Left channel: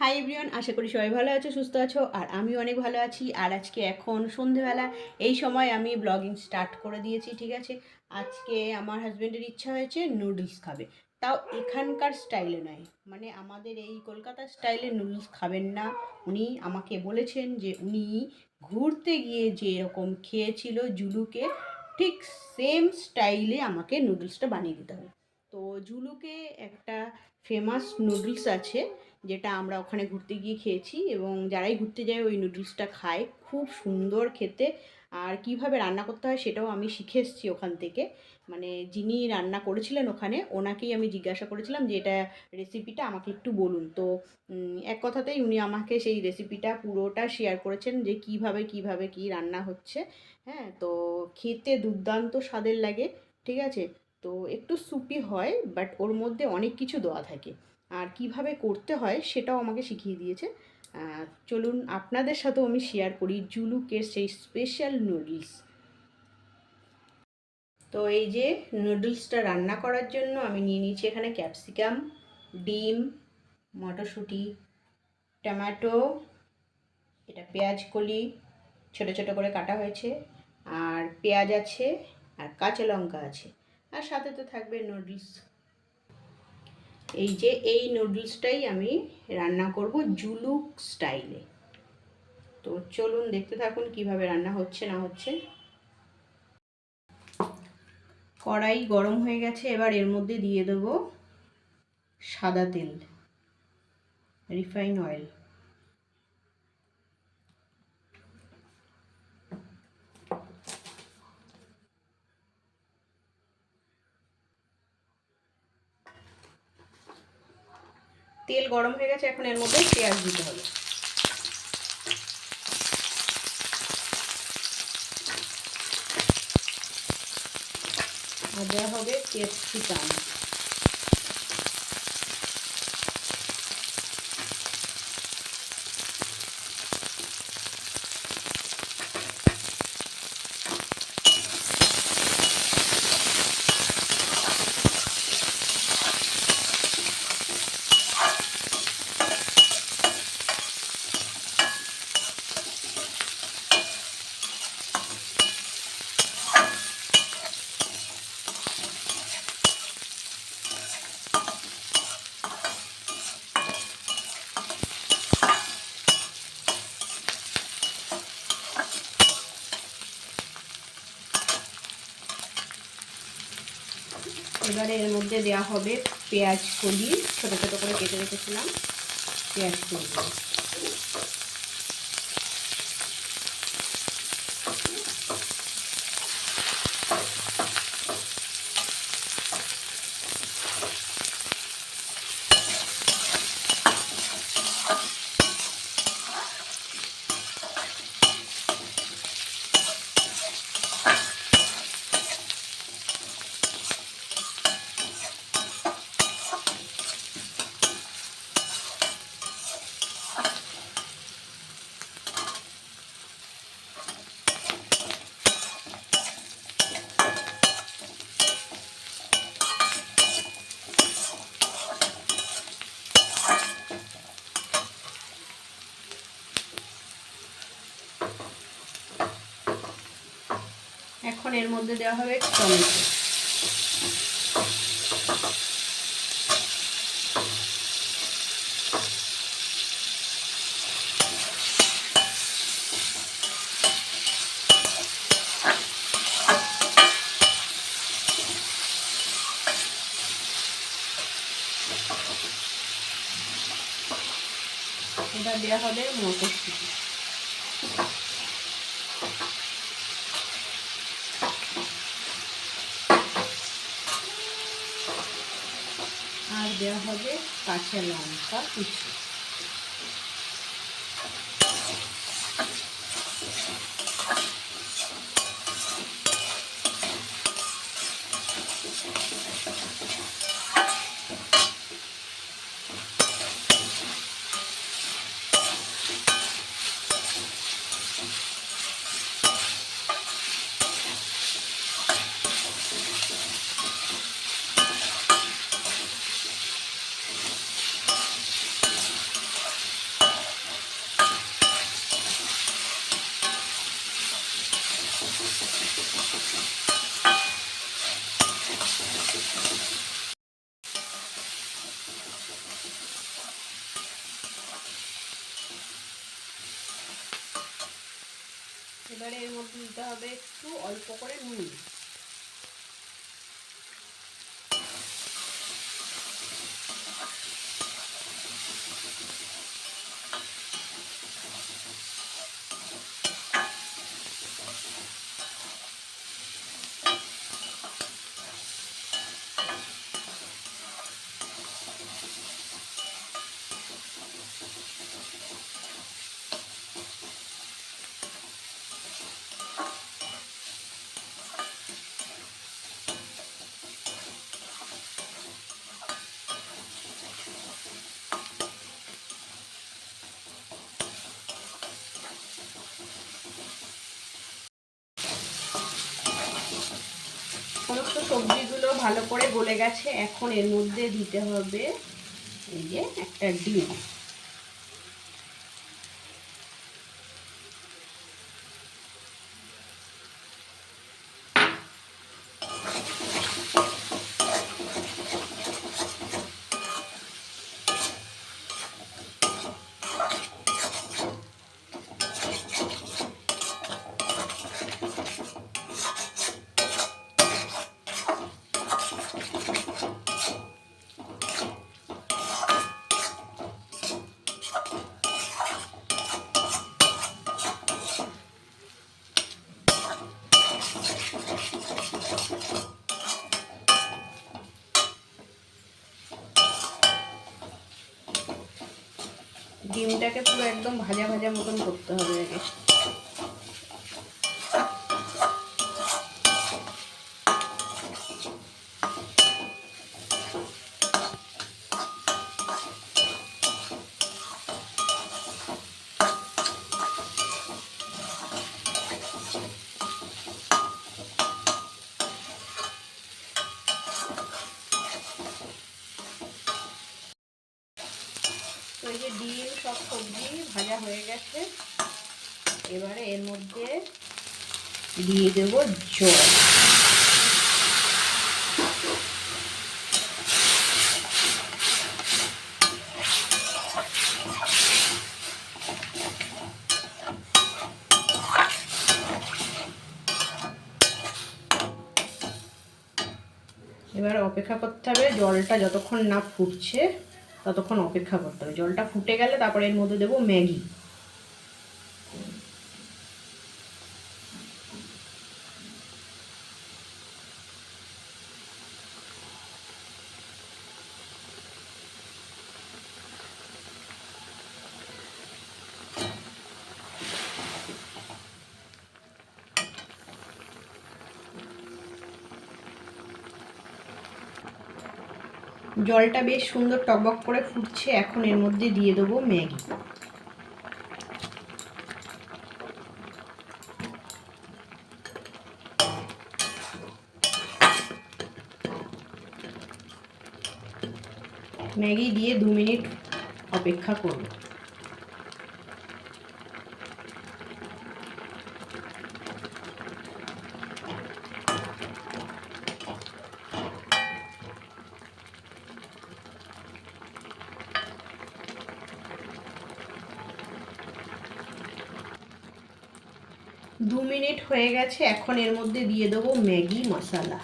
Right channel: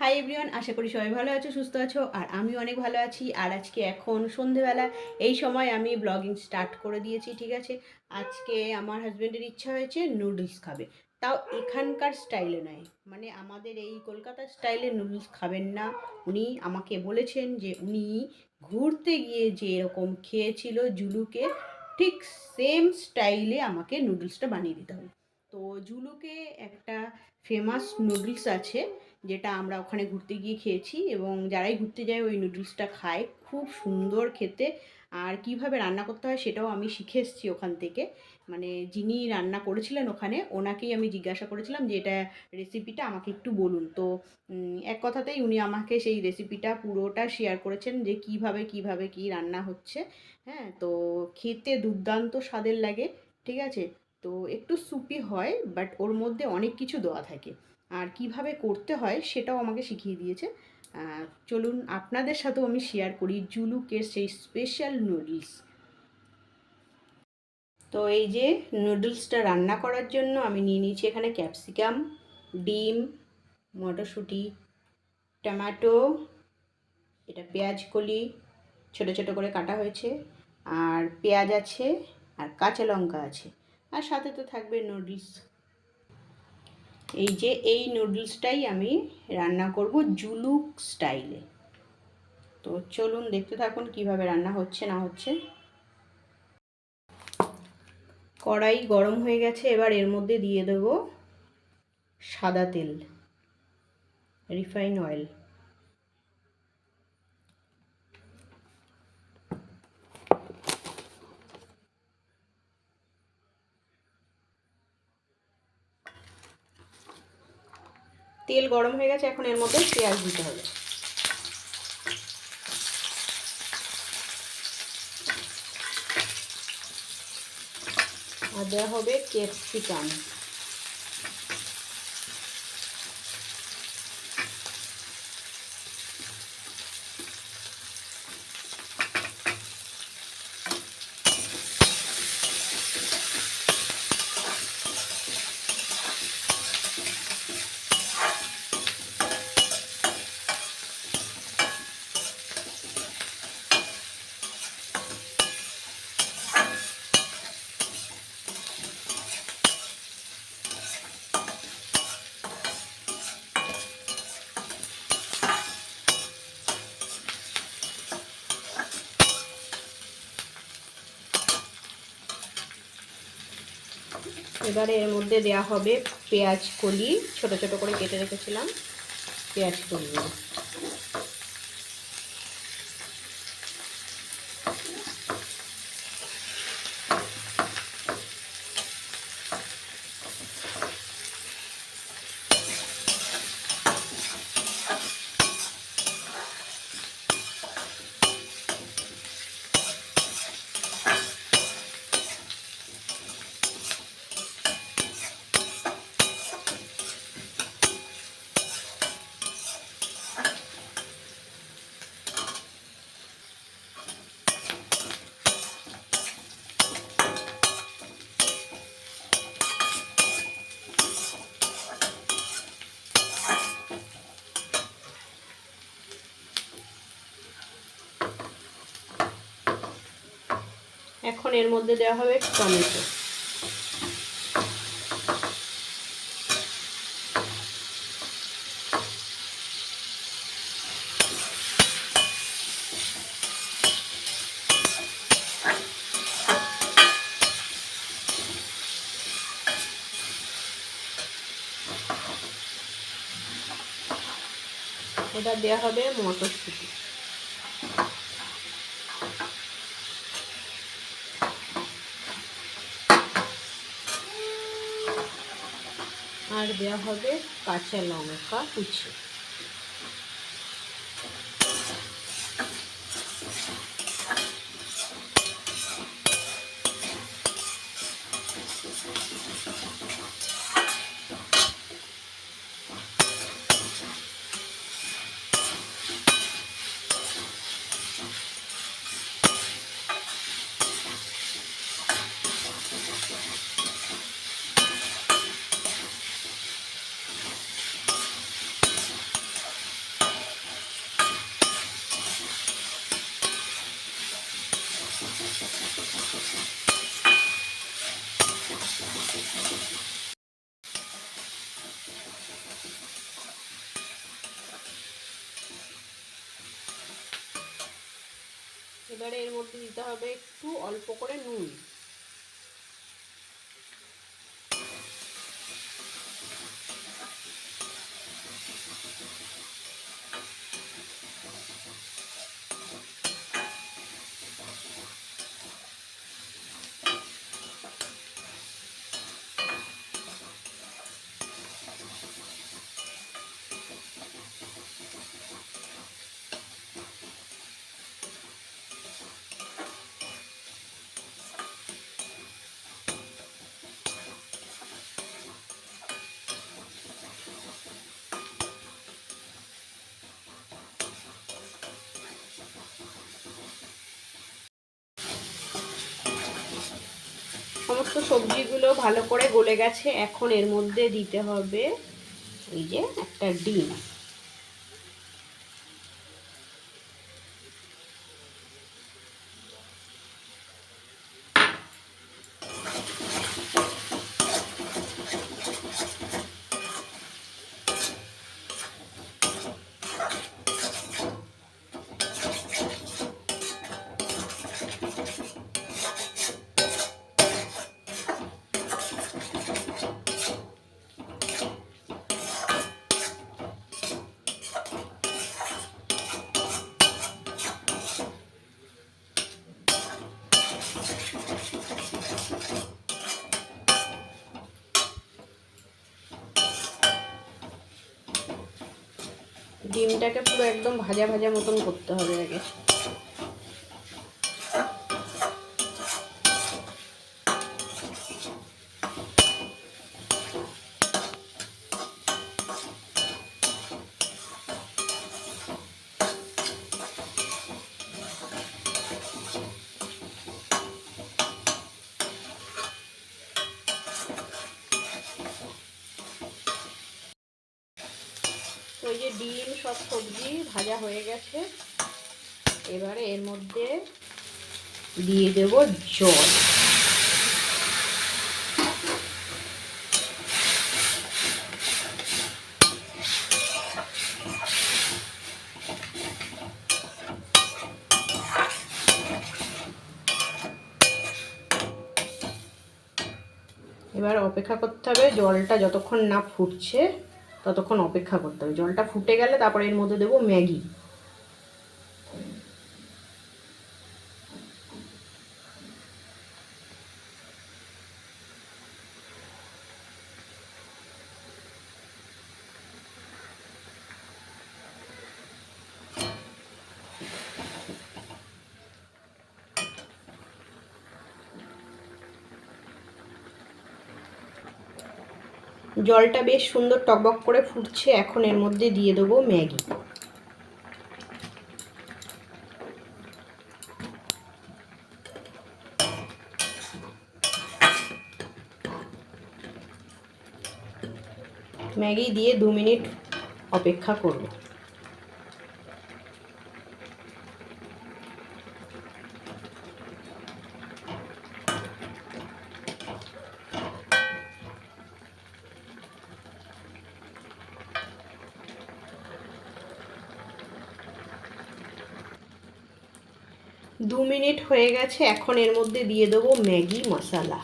Hi everyone আশা করি সবাই ভালো আছো, সুস্থ আছো, আর আমি অনেক ভালো আছি। আর আজকে এখন সন্ধেবেলা, এই সময় আমি ব্লগিং স্টার্ট করে দিয়েছি, ঠিক আছে? আজকে আমার হাজব্যান্ডের ইচ্ছা হয়েছে নুডলস খাবে। তাও এখানকার স্টাইলে নয়। মানে আমাদের এই কলকাতার স্টাইলে নুডলস খাবেন না। উনি আমাকে বলেছেন যে উনি ঘুরতে গিয়ে যে এরকম খেয়েছিল জুলুকে, ঠিক সেম স্টাইলে আমাকে নুডলসটা বানিয়ে দিতে হবে। তো জুলুকে একটা ফেমাস নুডলস আছে। যেটা আমরা ওখানে ঘুরতে গিয়ে খেয়েছি এবং যারাই ঘুরতে যায় ওই নুডলসটা খায়। খুব সুন্দর খেতে। আর কীভাবে রান্না করতে হয় সেটাও আমি শিখে এসেছি ওখান থেকে। মানে যিনি রান্না করেছিলেন ওখানে, ওনাকেই আমি জিজ্ঞাসা করেছিলাম যে এটা রেসিপিটা আমাকে একটু বলুন। তো এক কথাতেই উনি আমাকে সেই রেসিপিটা পুরোটা শেয়ার করেছেন যে কীভাবে কীভাবে কি রান্না হচ্ছে। হ্যাঁ তো খেতে দুর্দান্ত স্বাদের লাগে, ঠিক আছে? তো একটু সুপি হয় বাট ওর মধ্যে অনেক কিছু দেওয়া থাকে। আর কীভাবে করতে হয় সেটাও আমাকে শিখিয়ে দিয়েছে। চলুন আপনাদের সাথেও আমি শেয়ার করি জুলুকের সেই স্পেশাল নুডলস তো এই যে নুডলসটা রান্না করার জন্য আমি নিয়ে নিয়েছি এখানে ক্যাপসিকাম ডিম, মটরশুঁটি, টমেটো, এটা পেঁয়াজ কলি, ছোটো ছোটো করে কাটা হয়েছে, আর পেঁয়াজ আছে আর কাঁচা লঙ্কা আছে। আর সাথে তো থাকবে নুডলস এই যে এই নুডলসটাই আমি রান্না করব জুলুক স্টাইলে। তো চলুন দেখতে থাকুন কীভাবে রান্না হচ্ছে না হচ্ছে। কড়াই গরম হয়ে গেছে, এবার এর মধ্যে দিয়ে দেব সাদা তেল রিফাইন অয়েল তেল গরম হয়ে গেছে এখন এর মধ্যে পেঁয়াজ দিতে হবে। আর দেওয়া হবে ক্যাপসিকাম এবারে এর মধ্যে দেওয়া হবে পেঁয়াজ কলি ছোটো ছোটো করে কেটে রেখেছিলাম পেঁয়াজ কলি। এখন এর মধ্যে দেওয়া হবে টমেটো। এটা দেওয়া হবে মটরশুঁটি। আর দেওয়া হবে কাঁচা লঙ্কা কুচি। দিতে হবে একটু অল্প করে নুন। সমস্ত সবজিগুলো ভালো করে গলে গেছে। এখন এর মধ্যে দিতে হবে এই যে একটা ডিম। ডিমটাকে পুরো একদম ভাজা ভাজা মতন করতে হবে আগে। তো এই যে ডিম, সব সবজি ভাজা হয়ে গেছে। এবারে এর মধ্যে দিয়ে দেব জল। এবার অপেক্ষা করতে হবে জলটা যতক্ষণ না ফুটছে। ততক্ষণ অপেক্ষা করতে হবে। জলটা ফুটে গেলে তারপরে এর মধ্যে দেবো ম্যাগি। জলটা বেশ সুন্দর টকবক করে ফুটছে, এখন এর মধ্যে দিয়ে দেবো ম্যাগি। ম্যাগি দিয়ে দু মিনিট অপেক্ষা করব। দু মিনিট হয়ে গেছে এখন এর মধ্যে দিয়ে দেবো ম্যাগি মশলা।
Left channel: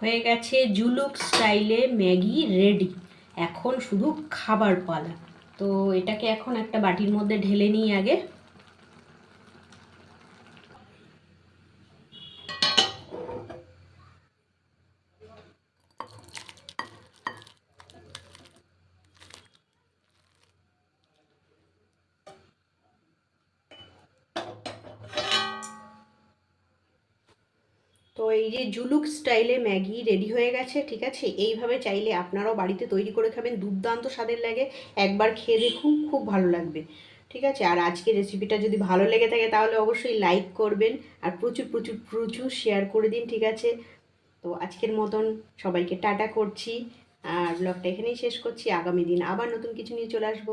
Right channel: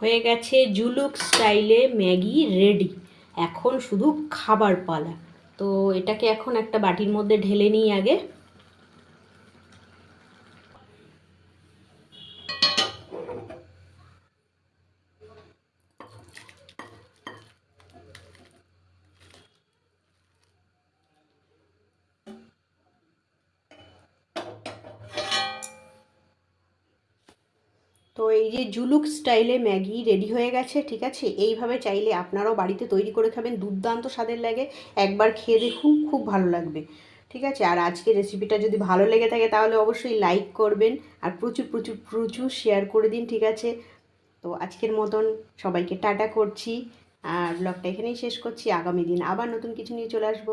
হয়ে গেছে জুলুক স্টাইলে ম্যাগি রেডি। এখন শুধু খাবার পালা। তো এটাকে এখন একটা বাটির মধ্যে ঢেলে নিই আগে। এই যে জুলুক স্টাইলে ম্যাগি রেডি হয়ে গেছে, ঠিক আছে? এইভাবে চাইলে আপনারাও বাড়িতে তৈরি করে খাবেন, দুর্দান্ত স্বাদের লাগে। একবার খেয়ে দেখুন, খুব ভালো লাগবে, ঠিক আছে? আর আজকের রেসিপিটা যদি ভালো লেগে থাকে, তাহলে অবশ্যই লাইক করবেন আর প্রচুর প্রচুর প্রচুর শেয়ার করে দিন, ঠিক আছে? তো আজকের মতন সবাইকে টাটা করছি, আর ব্লগটা এখানেই শেষ করছি। আগামী দিন আবার নতুন কিছু নিয়ে চলে আসব।